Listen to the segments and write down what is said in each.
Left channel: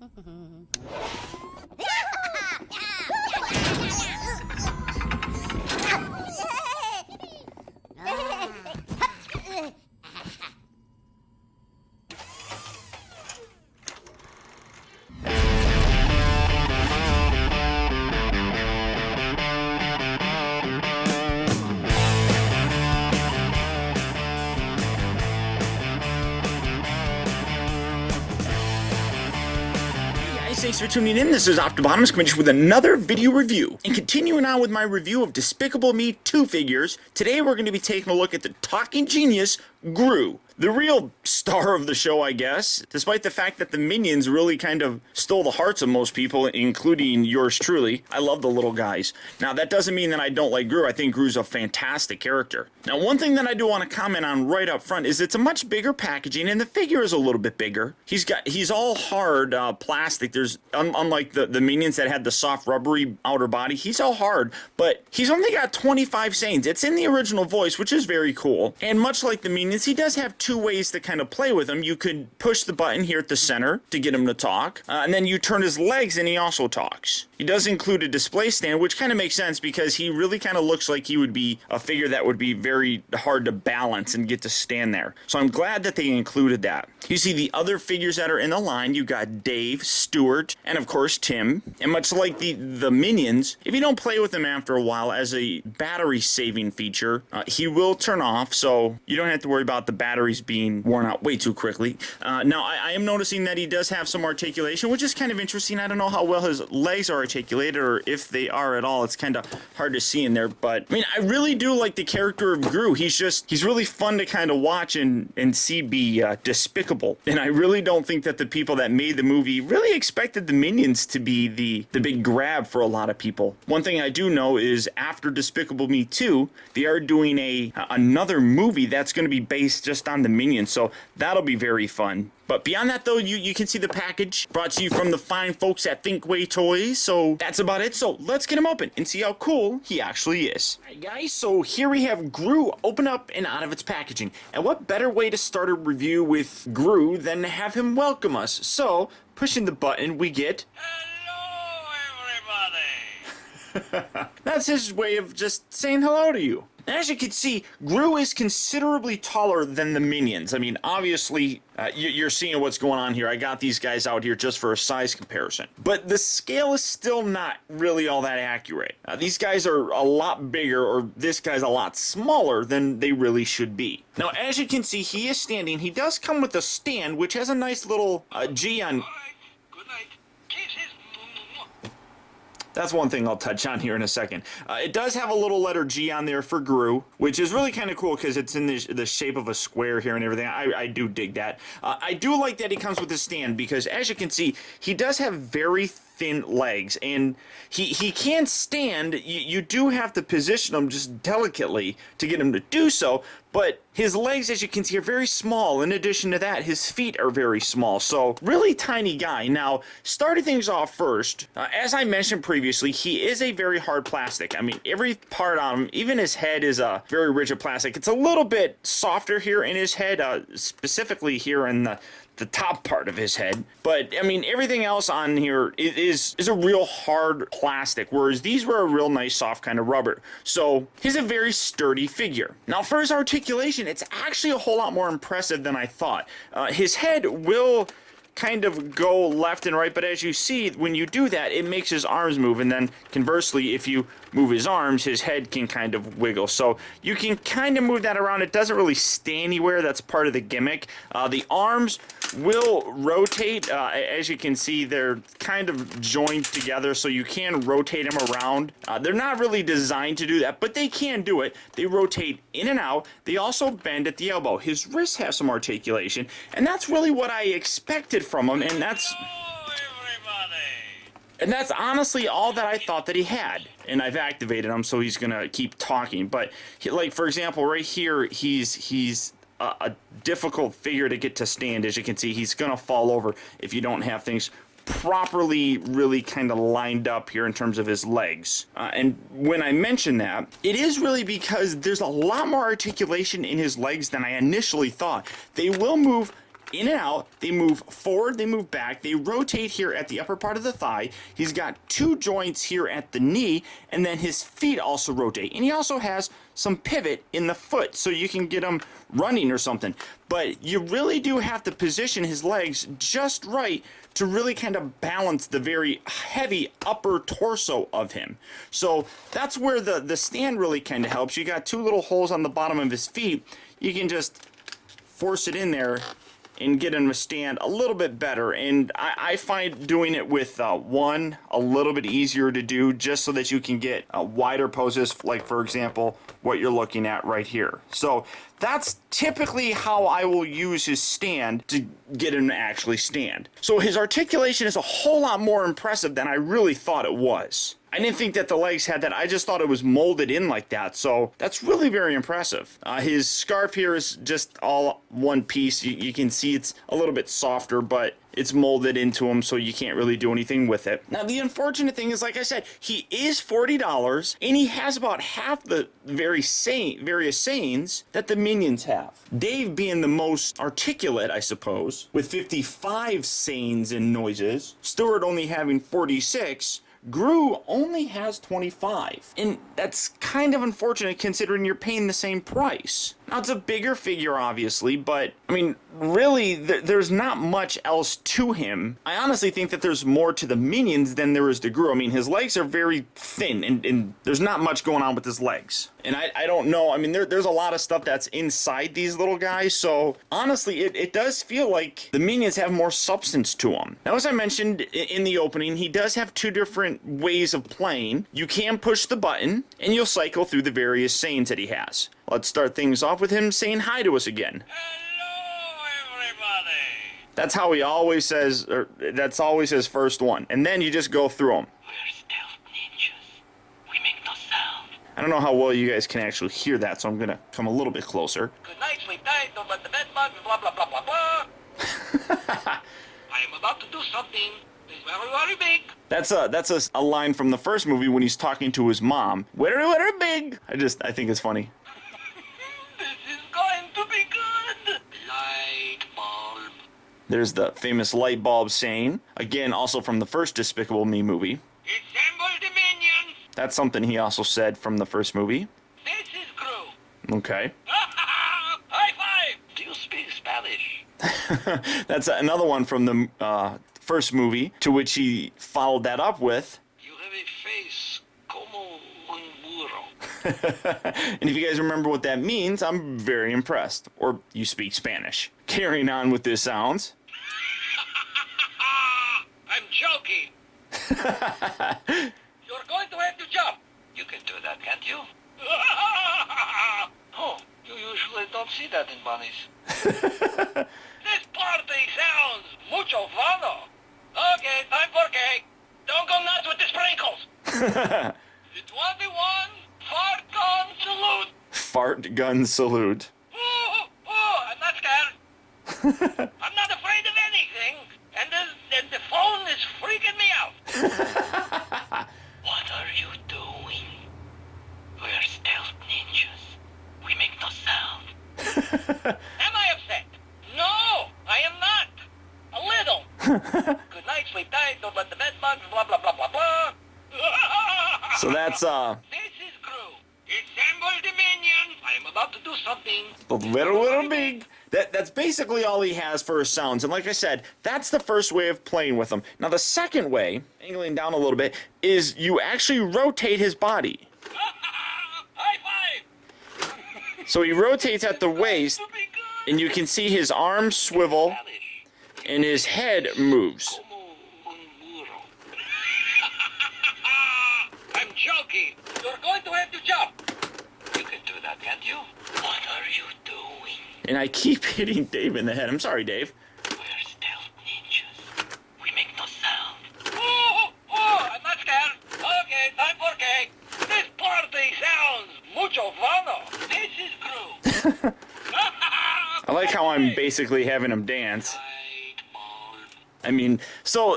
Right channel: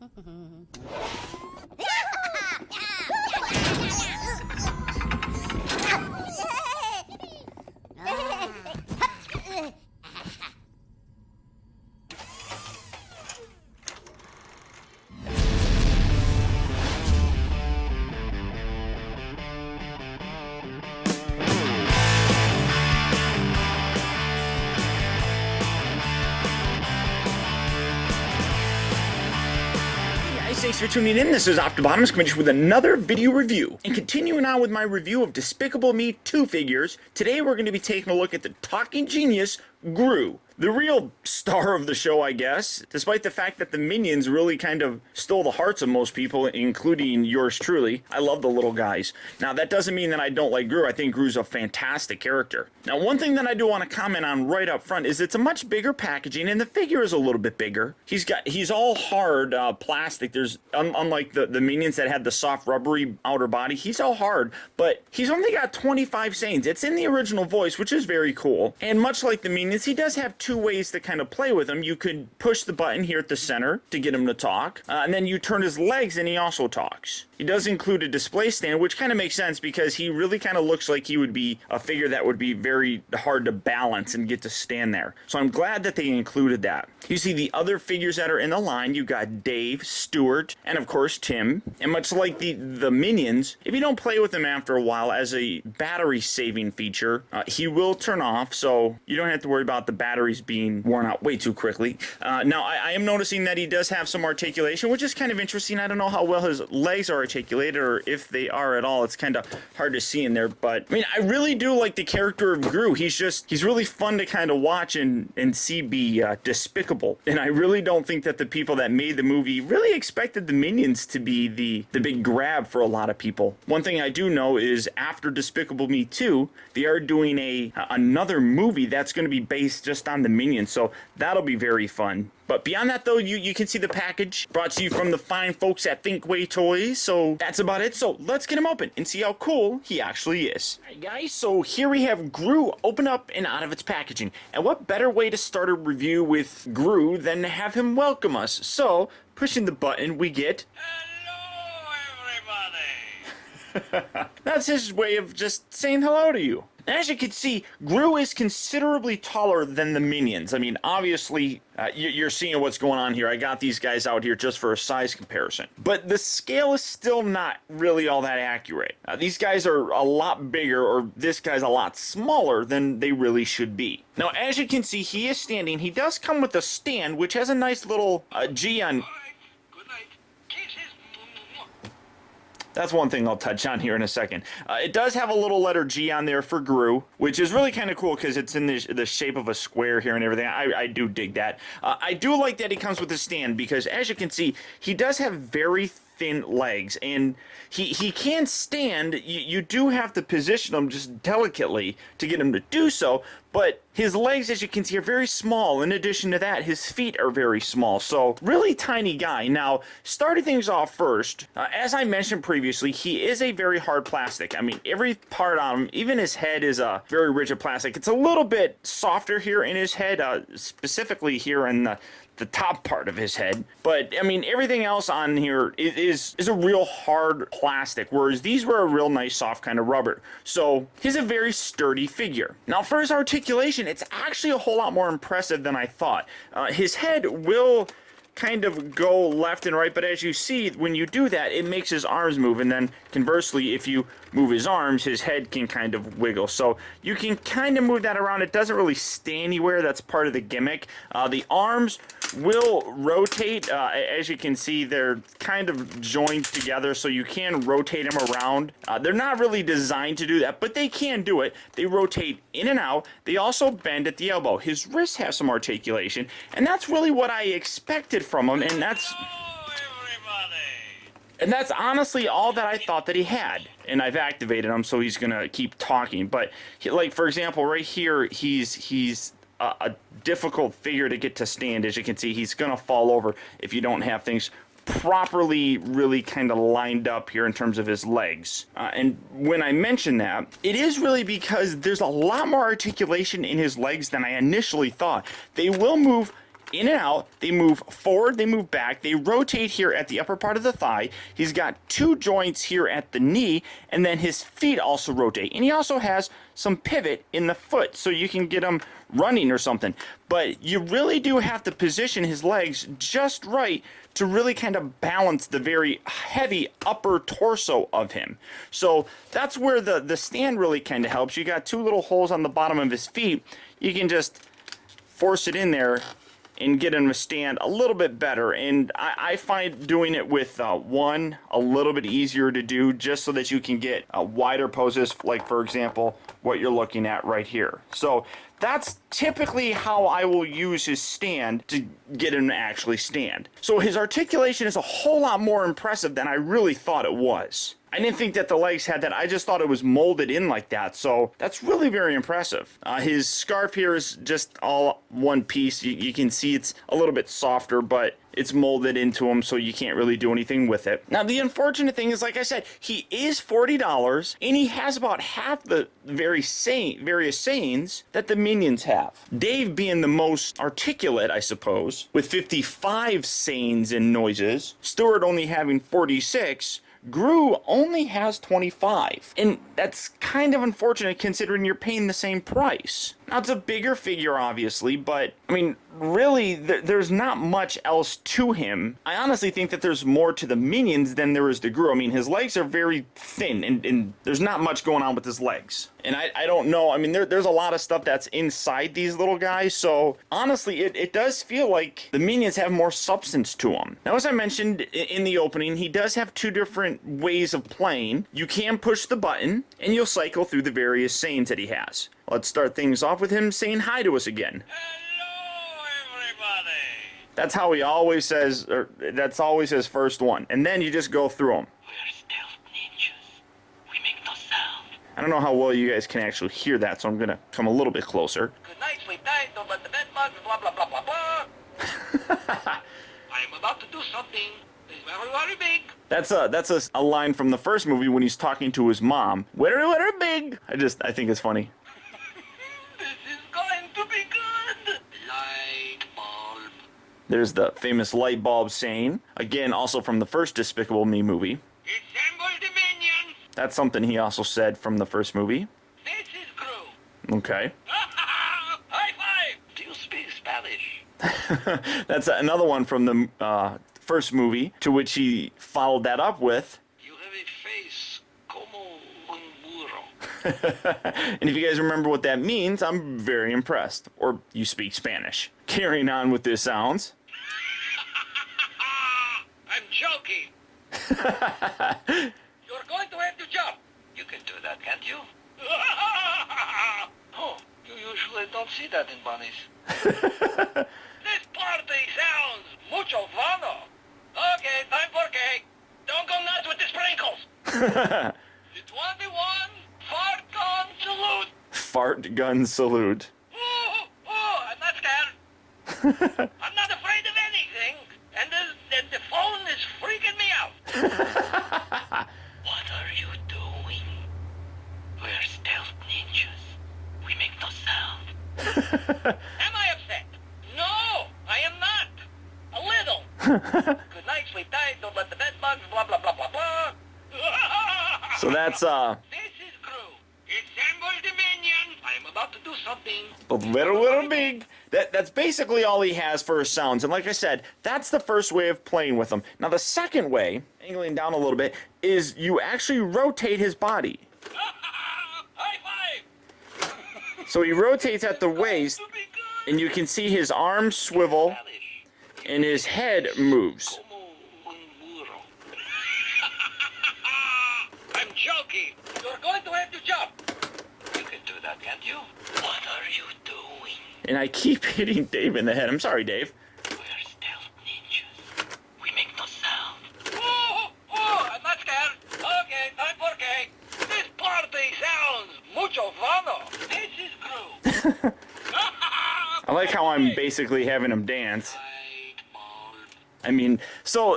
Thanks for tuning in. This is Optibotimus coming with another video review. And continuing on with my review of Despicable Me 2 figures, today we're going to be taking a look at the talking genius, Gru. The real star of the show, I guess, despite the fact that the minions really kind of stole the hearts of most people, including yours truly. I love the little guys. Now, that doesn't mean that I don't like Gru. I think Gru's a fantastic character. Now, one thing that I do want to comment on right up front is it's a much bigger packaging, and the figure is a little bit bigger. He's all hard plastic. There's, unlike the minions that had the soft rubbery outer body, he's all hard, but he's only got 25 sayings. It's in the original voice, which is very cool. And much like the minions, he does have two ways to kind of play with him. You could push the button here at the center to get him to talk, and then you turn his legs and he also talks. He does include a display stand, which kind of makes sense because he really kind of looks like he would be a figure that would be very hard to balance and get to stand there. So I'm glad that they included that. You see the other figures that are in the line. You've got Dave, Stuart, and of course Tim. And much like the minions, if you don't play with him after a while as a battery saving feature, he will turn off, so you don't have to worry about the batteries being worn out way too quickly. Now, I am noticing that he does have some articulation, which is kind of interesting. I don't know how well his legs are articulated, or if they are at all. It's kind of hard to see in there, but I mean, I really do like the character of Gru. He's really fun to kind of watch and see be despicable. And I really don't think that the people that made the movie really expected the minions to be the big grab for a lot of people. One thing I do know is after Despicable Me 2, they are doing another movie that's going to be based just on the minions, so that'll be very fun. But beyond that, though, you can see the package brought to you from the fine folks at Thinkway Toys. So that's about it. So let's get him open and see how cool he actually is. All right, guys, so here we have Gru open up and out of its packaging. And what better way to start a review with Gru than to have him welcome us? So, pushing the button, we get... Hello, everybody! That's his way of just saying hello to you. As you can see, Gru is considerably taller than the minions. I mean, obviously, you're seeing what's going on here. I got these guys out here just for a size comparison. But the scale is still not really all that accurate. These guys are a lot bigger, or this guy's a lot smaller than they really should be. Now, as you can see, he is standing. He does come with a stand, which has a nice little G on... All right, good night. Kisses. That's one thing I'll touch on here in a second. It does have a little letter G on there for Gru, which is really kind of cool because it's in the shape of a square here and everything. I do dig that. I do like that he comes with a stand because, as you can see, he does have very thin legs, and he can stand. You do have to position him just delicately to get him to do so, but his legs, as you can see, are very small. In addition to that, his feet are very small, so really tiny guy. Now, starting things off first, as I mentioned previously, he is a very hard plastic. I mean, every part on him, even his head, is a very rigid plastic. It's a little bit softer here in his head, specifically here in the top part of his head, but I mean, everything else on here is a real hard plastic, whereas these were a real nice soft kind of rubber. So he's a very sturdy figure. Now, for his articulation, it's actually a whole lot more impressive than I thought. His head will kind of go left and right, but as you see, when you do that, it makes his arms move, and then conversely, if you move his arms, his head can kind of wiggle. So you can kind of move that around. It doesn't really stay anywhere. That's part of the gimmick. The arms will rotate. As you can see, they're kind of joined together, so you can rotate them around. They're not really designed to do that, but they can do it. They rotate in and out. They also bend at the elbow. His wrists have some articulation, and that's really what I expected from him, and that's... Hello, everybody! And that's honestly all that I thought that he had. And I've activated him, so he's gonna keep talking. But, like, for example, right here, he's a difficult figure to get to stand. As you can see, he's gonna fall over if you don't have things properly really kind of lined up here in terms of his legs. And when I mention that, it is really because there's a lot more articulation in his legs than I initially thought. They will move in and out. They move forward, they move back, they rotate here at the upper part of the thigh. He's got 2 joints here at the knee, and then his feet also rotate. And he also has some pivot in the foot, so you can get him running or something. But you really do have to position his legs just right to really kind of balance the very heavy upper torso of him. So that's where the stand really kind of helps. You got 2 little holes on the bottom of his feet. You can just force it in there and get him to stand a little bit better. And I find doing it with one a little bit easier to do, just so that you can get wider poses, like for example what you're looking at right here. So that's typically how I will use his stand to get him to actually stand. So his articulation is a whole lot more impressive than I really thought it was. I didn't think that the legs had that. I just thought it was molded in like that. So that's really very impressive. His scarf here is just all one piece. You can see it's a little bit softer, but it's molded into him, so you can't really do anything with it. Now, the unfortunate thing is, like I said, he is $40, and he has about half the various sayings that the minions have. Dave being the most articulate, I suppose, with 55 sayings and noises. Stuart only having 46. Gru only has 25, and that's kind of unfortunate considering you're paying the same price. Now, it's a bigger figure, obviously, but, I mean, really, there's not much else to him. I honestly think that there's more to the minions than there is to Gru. I mean, his legs are very thin, and there's not much going on with his legs. And I don't know, I mean, there's a lot of stuff that's inside these little guys, so honestly, it does feel like the minions have more substance to them. Now, as I mentioned in the opening, he does have 2 different ways of playing. You can push the button, and you'll cycle through the various sayings that he has. Let's start things off with him saying hi to us again. Hello, everybody. That's how he always says, or that's always his first one. And then you just go through them. We're stealth ninjas. We make no sound. I don't know how well you guys can actually hear that, so I'm going to come a little bit closer. Good night, sleep tight, don't let the bed bugs, blah, blah, blah, blah, blah. I am about to do something. It's very, very big. That's a line from the first movie when he's talking to his mom. Very, very big. I think it's funny. This is going to be good. Light bulb. There's the famous light bulb saying. Again, also from the first Despicable Me movie. Assemble the minions. That's something he also said from the first movie. This is Gru. Okay. High five. Do you speak Spanish? That's another one from the first movie, to which he followed that up with. You have a face como un burro. And if you guys remember what that means, I'm very impressed. Or you speak Spanish. Carrying on with his sounds. I'm joking. You're going to have to jump. You can do that, can't you? Oh, you usually don't see that in bunnies. This party sounds mucho fun. Okay, time for cake. Don't go nuts with the sprinkles. The 21 fart gun salute. Fart gun salute. I'm not scared. I'm not afraid of anything. And the phone is freaking me out. What are you doing? We're stealth ninjas. We make no sound. Am I upset? No, I am not. A little. Good night, sleep tight, don't let the bed bugs, blah, blah, blah, blah, blah. So that's, This is Gru. Assemble the minions. I am about to do something. little big. That's basically all he has for his sounds. And like I said, that's the first way of playing with him. Now the second way, angling down a little bit, is you actually rotate his body. High five. So he rotates at the waist, and you can see his arms swivel, and his head moves. I'm joking. You're going to have to jump. You can do that, can't you? What are you doing? And I keep hitting Dave in the head. I'm sorry, Dave. We're stealth ninjas. We make no sound. I'm not scared. Okay, time for cake. This party sounds mucho fun. This is Gru. I like how I'm basically having him dance. I mean, so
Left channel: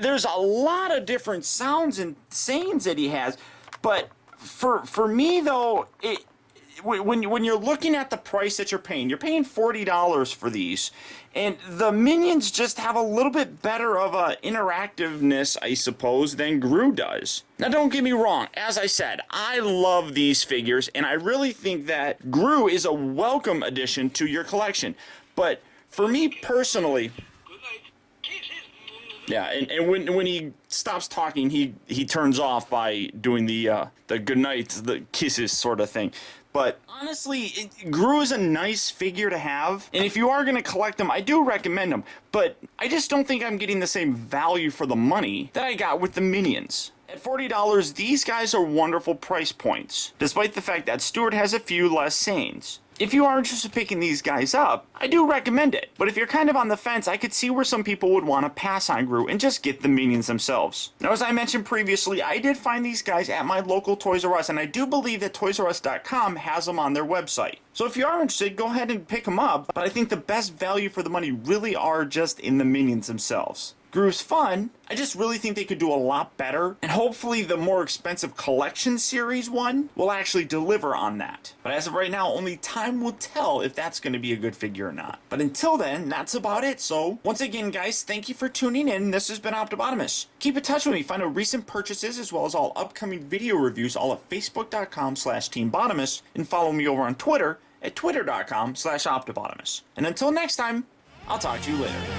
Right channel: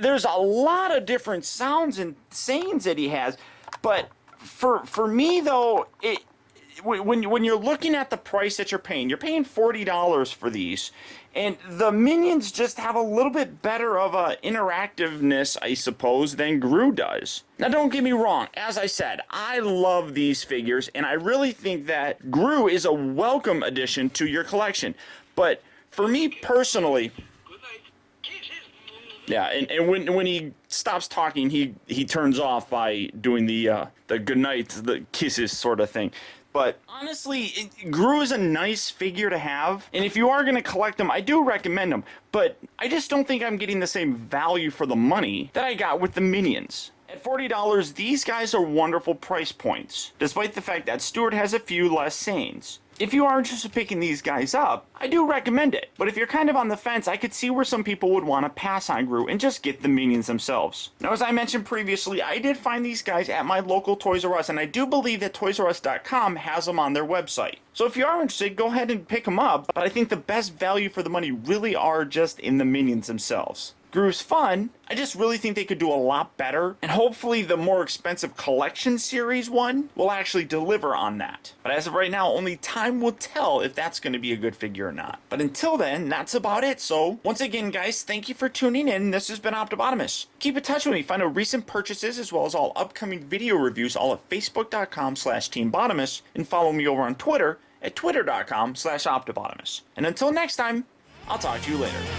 there's a lot of different sounds and sayings that he has, but for me though, when you're looking at the price that you're paying $40 for these, and the Minions just have a little bit better of a interactiveness, I suppose, than Gru does. Now, don't get me wrong. As I said, I love these figures, and I really think that Gru is a welcome addition to your collection. But for me personally, Good night. Kisses. yeah, and when he stops talking, he turns off by doing the good night, the kisses sort of thing. But honestly, Gru is a nice figure to have, and if you are going to collect them, I do recommend them. But I just don't think I'm getting the same value for the money that I got with the Minions. At $40, these guys are wonderful price points, despite the fact that Stuart has a few less Sanes. If you are interested in picking these guys up, I do recommend it. But if you're kind of on the fence, I could see where some people would want to pass on Gru and just get the Minions themselves. Now, as I mentioned previously, I did find these guys at my local Toys R Us, and I do believe that ToysRUs.com has them on their website. So if you are interested, go ahead and pick them up, but I think the best value for the money really are just in the Minions themselves. Gru's fun, I just really think they could do a lot better, and hopefully the more expensive collection series one will actually deliver on that. But as of right now, only time will tell if that's going to be a good figure or not. But until then, that's about it. So once again, guys, thank you for tuning in. This has been Optibotimus. Keep in touch with me. Find out recent purchases as well as all upcoming video reviews all at facebook.com/teambotimus, and follow me over on Twitter at twitter.com/optibotimus. And until next time, I'll talk to you later.